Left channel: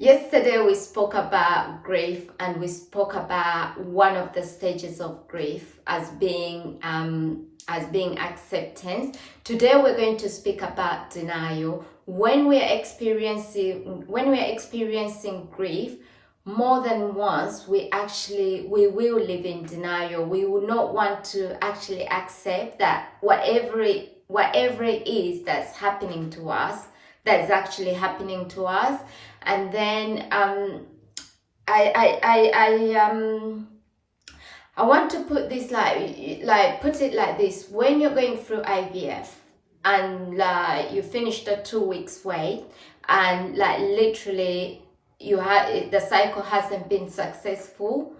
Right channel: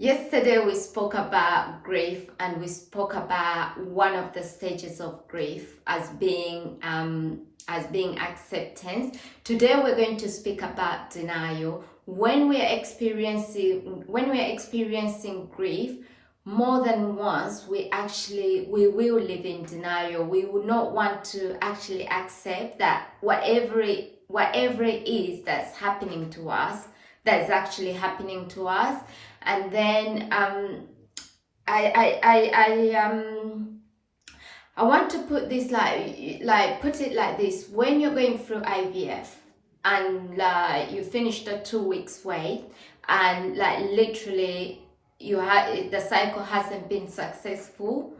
Yesterday we spoke about grief, and we spoke about one of the stages of grief as being acceptance. Today we're going to speak about denial. When we are experiencing grief more than once, we will live in denial. We will not want to actually accept that whatever it is that's happening to us, that's actually happening to us. And then I want to put this put it like this: when you're going through IVF and you finish the 2 weeks wait, and literally the cycle hasn't been successful,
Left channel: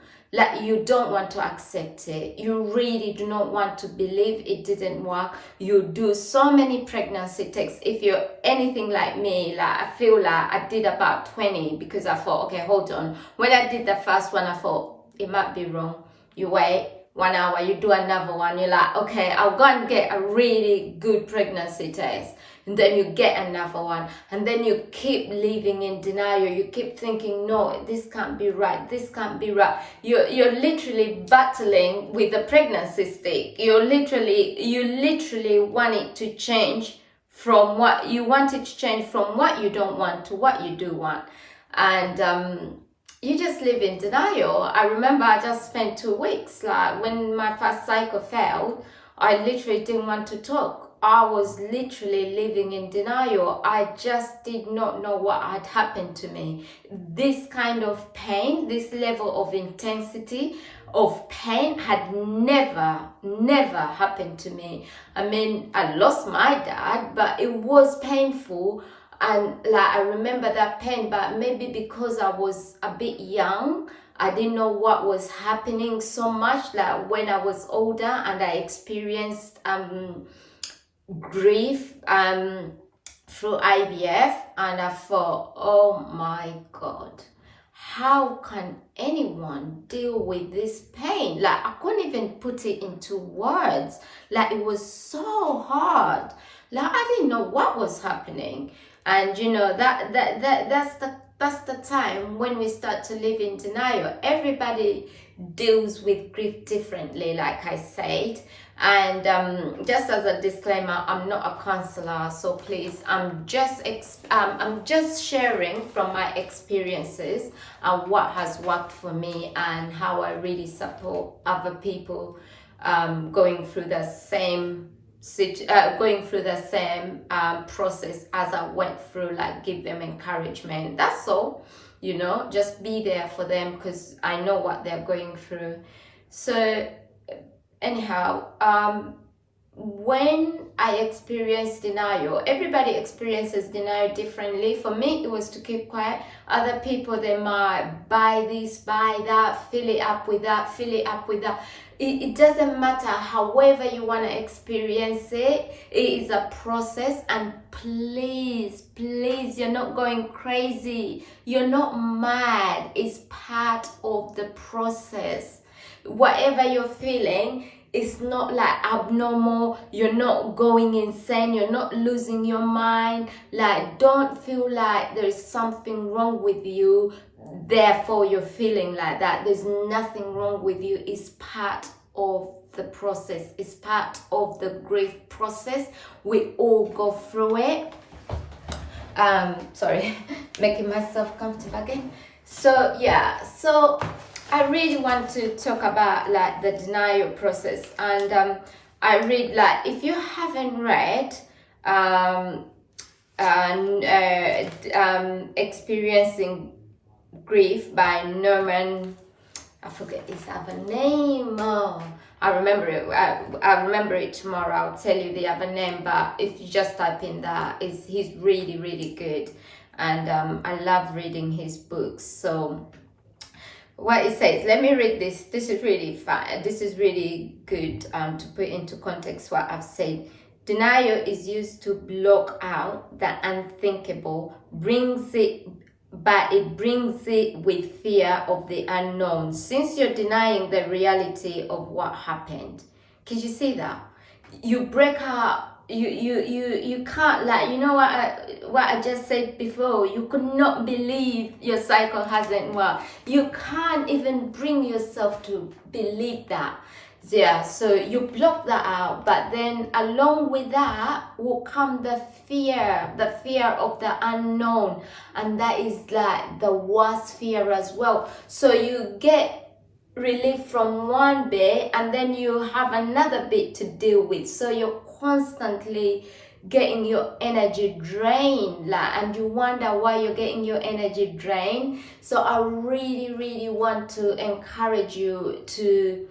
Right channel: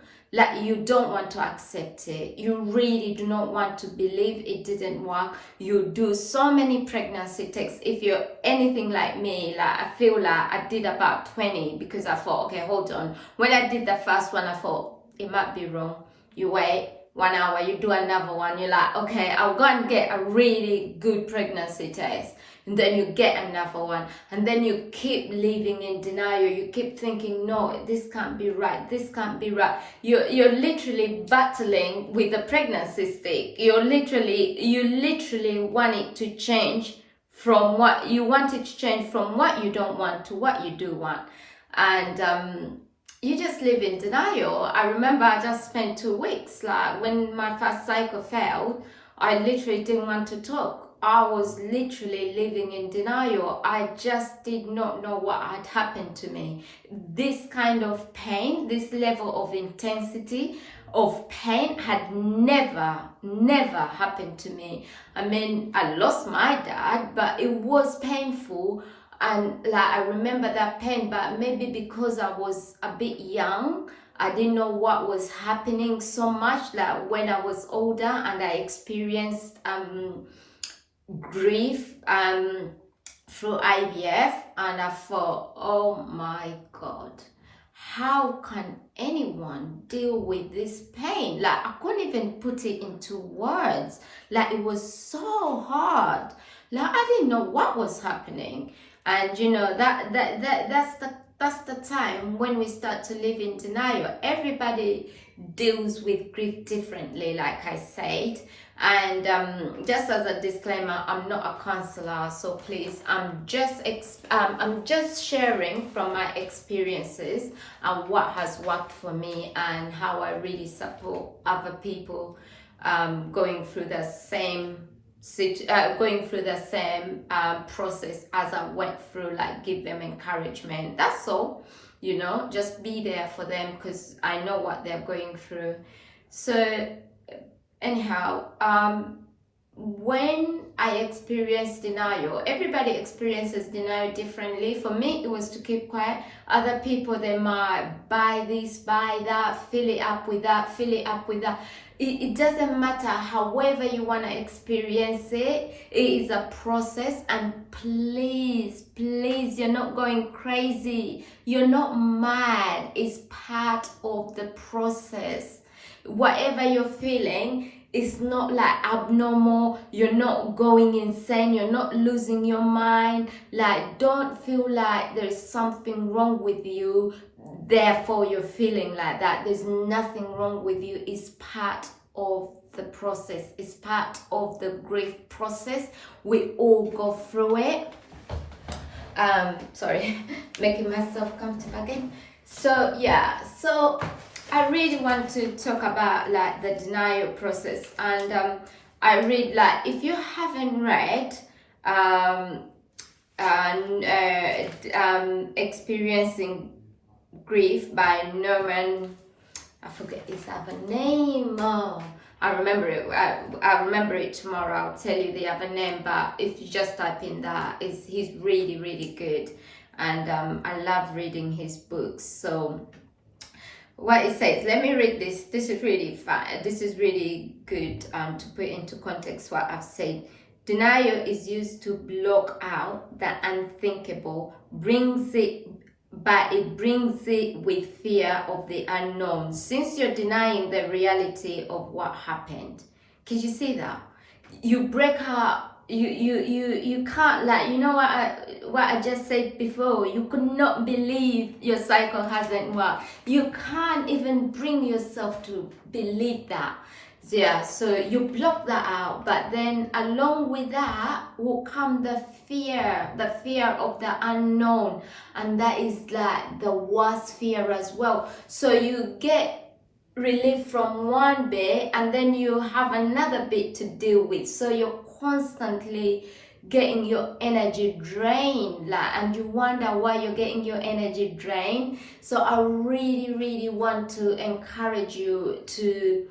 you don't want to accept it. You really do not want to believe it didn't work. You do so many pregnancy tests. If you're anything like me, I feel like I did about 20, because I thought, okay, hold on. When I did the first one, I thought it might be wrong. You wait 1 hour, you do another one. You're like, okay, I'll go and get a really good pregnancy test. And then you get another one, and then you keep living in denial. You keep thinking, no, this can't be right, this can't be right. You're literally battling with the pregnancy stick. You literally want it to change from what you want it to change from what you don't want to what you do want. And you just live in denial. I remember I just spent 2 weeks, when my first cycle failed, I literally didn't want to talk. I was literally living in denial. I just did not know what had happened to me. This kind of pain, this level of intensity of pain had never happened to me. I mean, I lost my dad, but it was painful. And I remember that pain, but maybe because I was a bit young, I didn't know what was happening so much. When I was older and I experienced grief through IVF, and I thought, oh my God, how can anyone deal with this pain? I couldn't even put it into words. It was so hard. I didn't know what was happening. And that's the time when we start to live in denial. Everybody deals with grief differently, like I said. And just as a disclaimer, I'm not a counselor, so please, I'm just sharing from my experiences and what has worked for me, and how I really support other people going through the same process as I went through. Give them encouragement. That's all. Just be there for them, because I know what they're going through. So anyhow, when I experienced denial, everybody experiences denial differently. For me, it was to keep quiet. Other people, they might buy this, buy that, fill it up with that, fill it up with that. It doesn't matter. However you want to experience it, it is a process. And please, you're not going crazy. You're not mad. It's part of the process. Whatever you're feeling, it's not abnormal. You're not going insane. You're not losing your mind. Don't feel like there's something wrong with you, therefore you're feeling like that. There's nothing wrong with you. It's part of the process. It's part of the grief process. We all go through it. Sorry, making myself comfortable again. So yeah, so I really want to talk about the denial process. And I read, if you haven't read Experiencing Grief by Norman, I forget his other name. Oh, I remember it. I remember it tomorrow. I'll tell you the other name. But if you just type in that, he's really good. And I love reading his books. So what it says, let me read this. This is really fun. This is really good to put into context what I've said. Denial is used to block out the unthinkable, but it brings it with fear of the unknown, since you're denying the reality of what happened. Can you see that? You break her you can't, like, you know what I just said before, you could not believe your cycle hasn't worked. You can't even bring yourself to believe that. Yeah, so you block that out, but then along with that will come the fear of the unknown, and that is like the worst fear as well. So you get relief from one bit and then you have another bit to deal with, so you're constantly getting your energy drained, like, and you wonder why you're getting your energy drained. So I really want to encourage you to,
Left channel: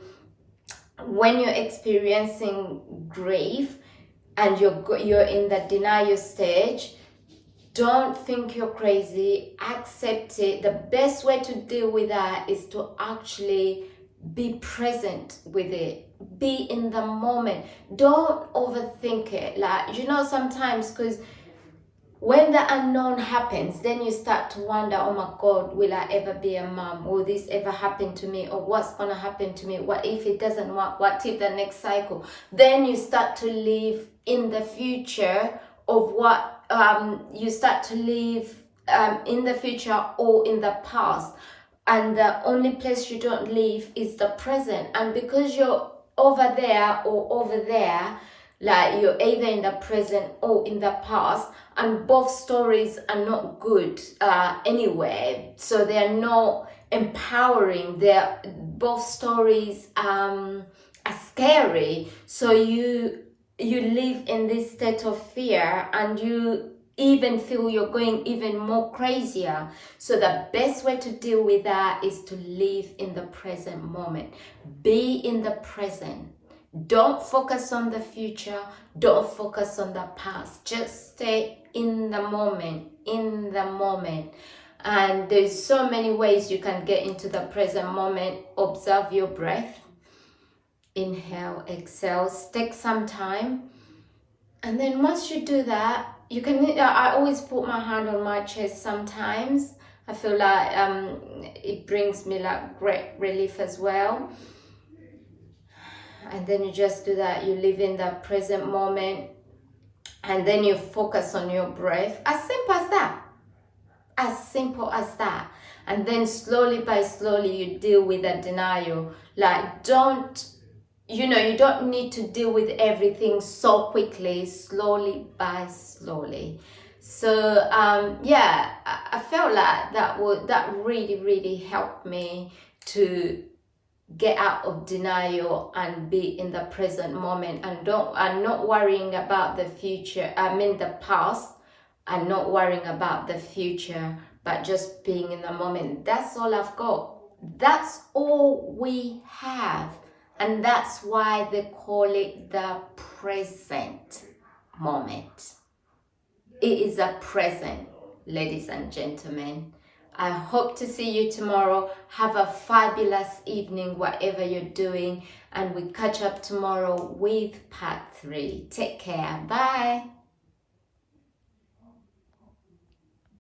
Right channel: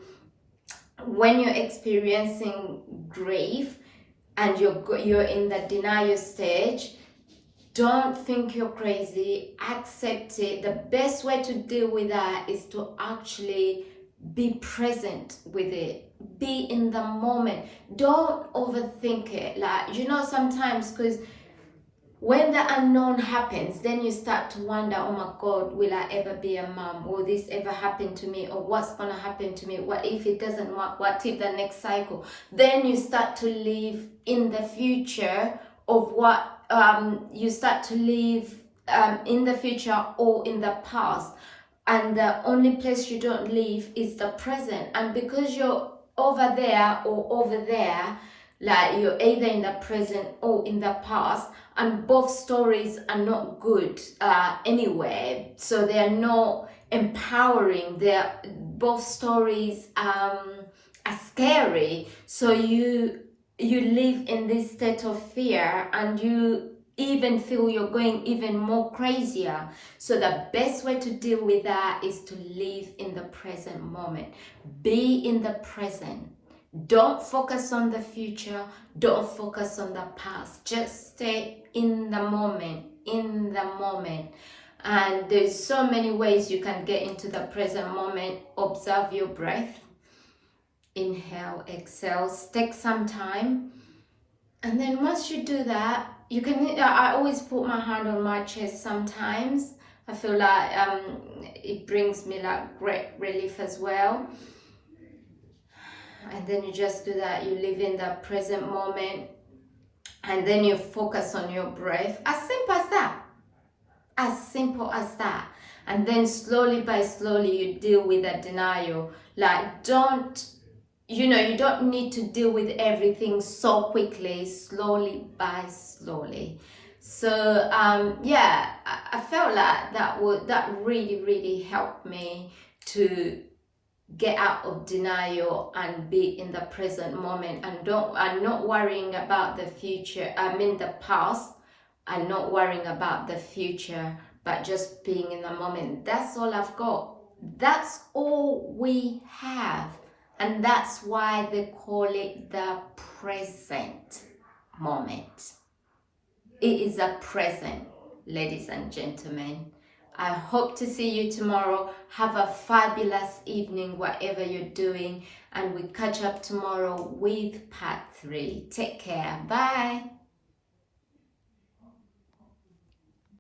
when you're experiencing grief and you're in the denial stage, don't think you're crazy, accept it. The best way to deal with that is to actually be present with it, be in the moment. Don't overthink it. Like, you know, sometimes, because when the unknown happens, then you start to wonder, oh my God, will I ever be a mom? Will this ever happen to me? Or what's gonna happen to me? What if it doesn't work? What if the next cycle? Then you start to live in the future of what you start to live in the future or in the past, and the only place you don't live is the present. And because you're over there or over there, like, you're either in the present or in the past, and both stories are not good anyway, so they're not empowering. They're both stories are scary, so you live in this state of fear, and you even feel you're going even more crazier. So the best way to deal with that is to live in the present moment. Be in the present. Don't focus on the future. Don't focus on the past. Just stay in the moment, in the moment. And there's so many ways you can get into the present moment. Observe your breath. Inhale, exhale, take some time. And then once you do that, you can, I always put my hand on my chest sometimes. I feel like it brings me like great relief as well. And then you just do that. You live in the present moment, and then you focus on your breath. As simple as that. As simple as that. And then slowly by slowly you deal with the denial. Like, you don't need to deal with everything so quickly, slowly by slowly. So yeah, I felt like that really helped me to get out of denial and be in the present moment, and not worrying about the future. The past, and not worrying about the future, but just being in the moment. That's all I've got. That's all we have. And that's why they call it the present moment. It is a present, ladies and gentlemen. I hope to see you tomorrow. Have a fabulous evening, whatever you're doing. And we catch up tomorrow with part 3. Take care. Bye.